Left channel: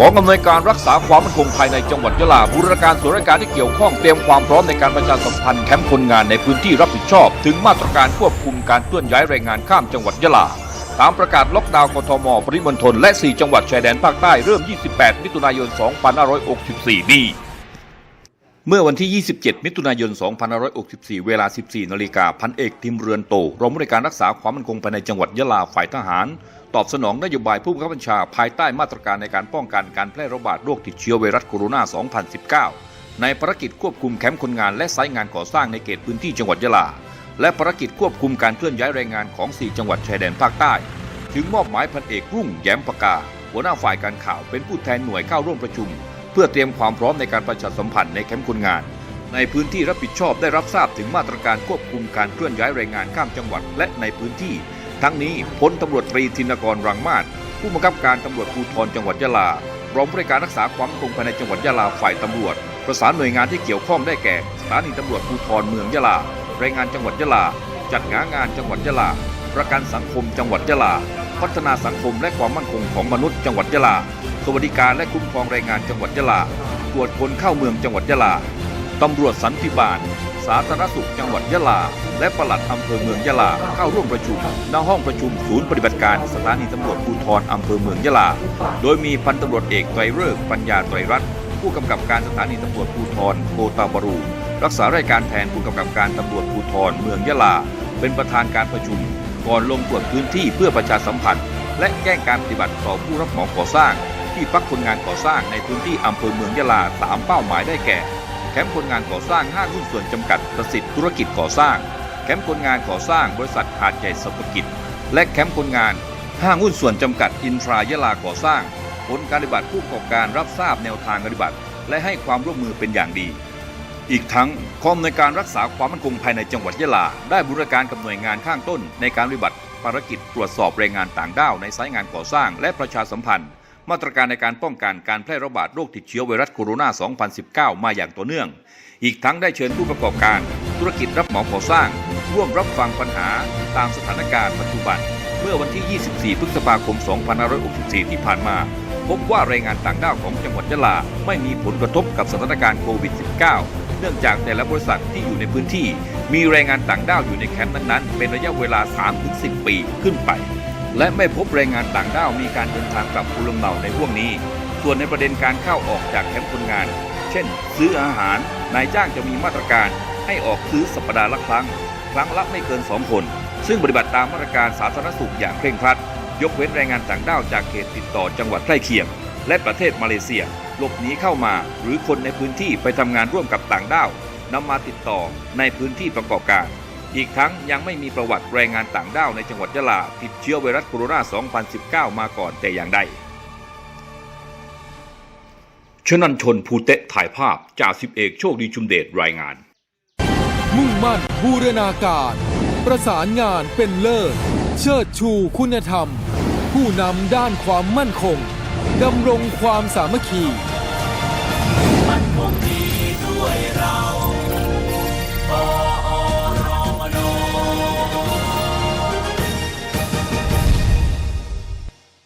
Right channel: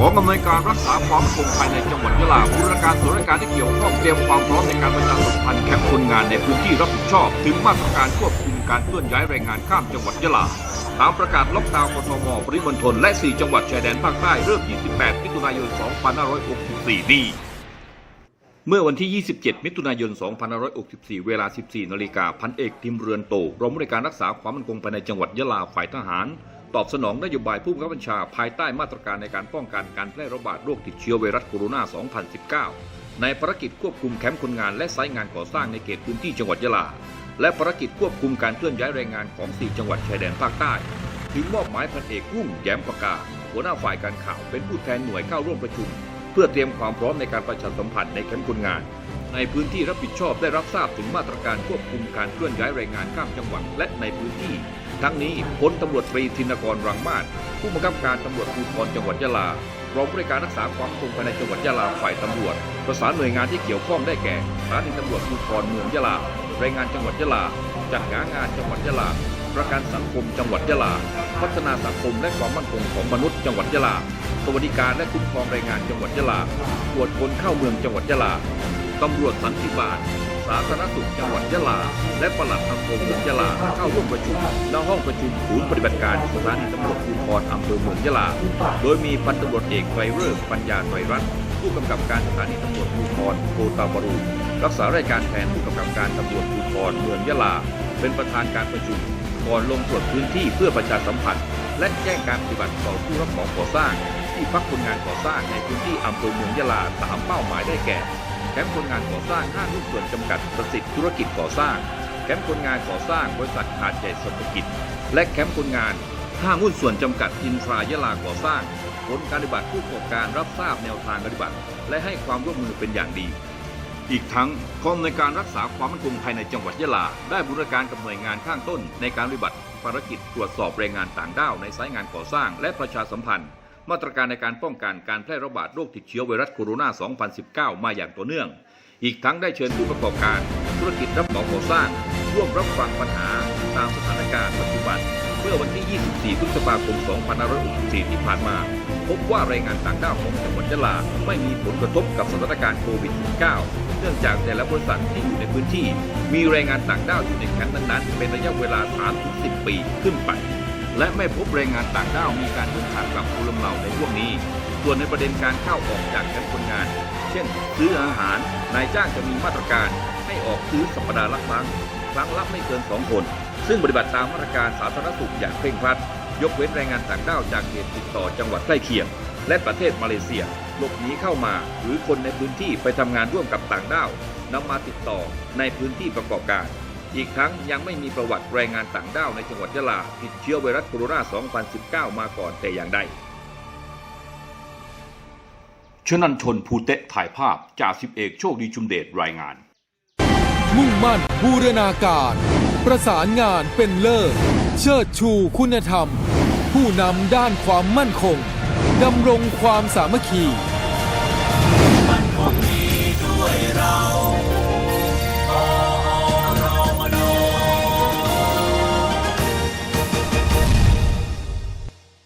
กองอำนวยการรักษาความมั่นคงภายในจังหวัดยะลาบูรณาการส่วนราชการที่เกี่ยวข้องเตรียมความพร้อมในการประชาสัมพันธ์แคมป์คนงานในพื้นที่รับผิดชอบ ถึงมาตรการควบคุมการเคลื่อนย้ายแรงงานข้ามจังหวัดยะลาตามประกาศล็อกดาวน์กทม ปริมณฑลและ 4 จังหวัดชายแดนภาคใต้เริ่ม 28 มิถุนายน 2564 นี้ เมื่อวันที่ 27 มิถุนายน 2564 เวลา 14 นาฬิกา พันเอกทิมเรือนโตรองผู้การรักษาความมั่นคงภายในจังหวัดยะลาฝ่ายทหารตอบสนองนโยบายผู้บังคับบัญชาภายใต้มาตรการในการป้องกันการแพร่ระบาดโรคติดเชื้อไวรัสโคโรนา 2019 ในภารกิจควบคุมแคมป์คนงานและไซต์งานก่อสร้างในเขตพื้นที่จังหวัดยะลา และภารกิจควบคุมการเคลื่อนย้ายแรงงานของ 4 จังหวัดชายแดนภาคใต้ ถึงมอบหมายพันเอกรุ่งแย้มปากา หัวหน้าฝ่ายการข่าวเป็นผู้แทนหน่วยเข้าร่วมประชุม เพื่อเตรียมความพร้อมในการประชาสัมพันธ์ในแคมป์คนงานในพื้นที่รับผิดชอบได้รับทราบถึงมาตรการควบคุมการเคลื่อนย้ายแรงงานข้ามจังหวัดและในพื้นที่ ทั้งนี้พลตำรวจตรีธินกรรังมาศผู้บังคับการตำรวจภูธรจังหวัดยะลารองผู้ในวยการรักษาความมั่นคงภายในจังหวัดยะลาฝ่ายตำรวจ ประสานหน่วยงานที่เกี่ยวข้องได้แก่สถานีตำรวจภูธรเมืองยะลาแรงงานจังหวัดยะลา จัดหางานจังหวัดยะลา ประกันสังคมจังหวัดยะลา พัฒนาสังคมและความมั่นคงของมนุษย์จังหวัดยะลา สวัสดิการและคุ้มครองแรงงานจังหวัดยะลา ตรวจคนเข้าเมืองจังหวัดยะลา ตำรวจสันติบาล สาธารณสุขจังหวัดยะลา และปลัดอำเภอเมืองยะลาเข้าร่วมประชุมณห้องประชุมศูนย์ปฏิบัติการสถานีตำรวจภูธรอำเภอเมืองยะลา โดยมีพันตำรวจเอกไตรเริกษ์ปัญญาไตรรัตน์ผู้กำกับการสถานีตำรวจภูธรโกตาบรู รักษาราชการแทนผู้กำกับการตำรวจภูธรเมืองยะลา เป็นประธานการประชุม ก่อนลงตรวจพื้นที่เพื่อประชาสัมพันธ์ และแจ้งการปฏิบัติต่อผู้รับเหมาก่อสร้าง ที่พักคนงานก่อสร้างในพื้นที่อำเภอเมืองยะลาตามเป้าหมายได้แก่ คมป์คนงานก่อสร้างห้างหุ้นส่วนจำกัดประสิทธิ์ธุรกิจก่อสร้าง แคมป์คนงานก่อสร้างบริษัทหาดใหญ่สตกิจ และแคมป์คนงานห้างหุ้นส่วนจำกัดอินทรายะลาก่อสร้าง ผลการปฏิบัติผู้ประกอบการรับทราบแนวทางปฏิบัติ และให้ความร่วมมือเป็นอย่างดี อีกทั้งกองในการรักษาความมั่นคงภายในจังหวัดยะลา ได้บูรณาการกับหน่วยงานข้างต้น ในการปฏิบัติภารกิจตรวจสอบแรงงานต่างด้าวในสายงานก่อสร้างและประชาสัมพันธ์ มาตรการในการป้องกันการแพร่ระบาดโรคติดเชื้อไวรัสโคโรนา 2019 มาอย่างต่อเนื่อง อีกทั้งได้เชิญผู้ประกอบการ ธุรกิจรับเหมาก่อสร้าง ร่วมรับฟังปัญหาตามสถานการณ์ปัจจุบัน เมื่อวันที่ 24 พฤษภาคม 2564 ที่ผ่านมา พบว่าแรงงานต่างด้าวของจังหวัดยะลาไม่มีผลกระทบกับสถานการณ์โควิด -19 เนื่องจากแต่ละบริษัทที่อยู่ในพื้นที่ มีแรงงานต่างด้าวอยู่ในแคมป์นั้นๆเป็นระยะเวลา 3-10 ปีขึ้นไป และไม่พบแรงงานต่างด้าวมีการเดินทางกลับภูมิลำเนาในช่วงนี้ ส่วนในประเด็นการเข้าออกจากแคมป์คนงาน เช่น ซื้ออาหาร นายจ้างจะมีมาตรการให้ออกซื้อสัปดาห์ละครั้ง ครั้งละไม่เกิน 2 คน ซึ่งปฏิบัติตามมาตรการสาธารณสุขอย่างเคร่งครัด ยกเว้นแรงงานต่างด้าวจากเขตติดต่อจังหวัดใกล้เคียง และประเทศมาเลเซีย หลบหนีเข้ามา หรือคนในพื้นที่ไปทำงานร่วมกับต่างด้าวนำมาติดต่อในพื้นที่ประกอบการ อีกทั้งยังไม่มีประวัติแรงงานต่างด้าวในจังหวัดยะลาติดเชื้อไวรัสโคโรนา 2019 มาก่อนแต่อย่างใดชนันชนภูเตะถ่ายภาพจ่าสิบเอกโชคดีชุมเดชรายงาน มุ่งมั่นบูรณาการ ประสานงานเป็นเลิศ เชิดชูคุณธรรม ผู้นำด้านความมั่นคงดำรงความสามัคคี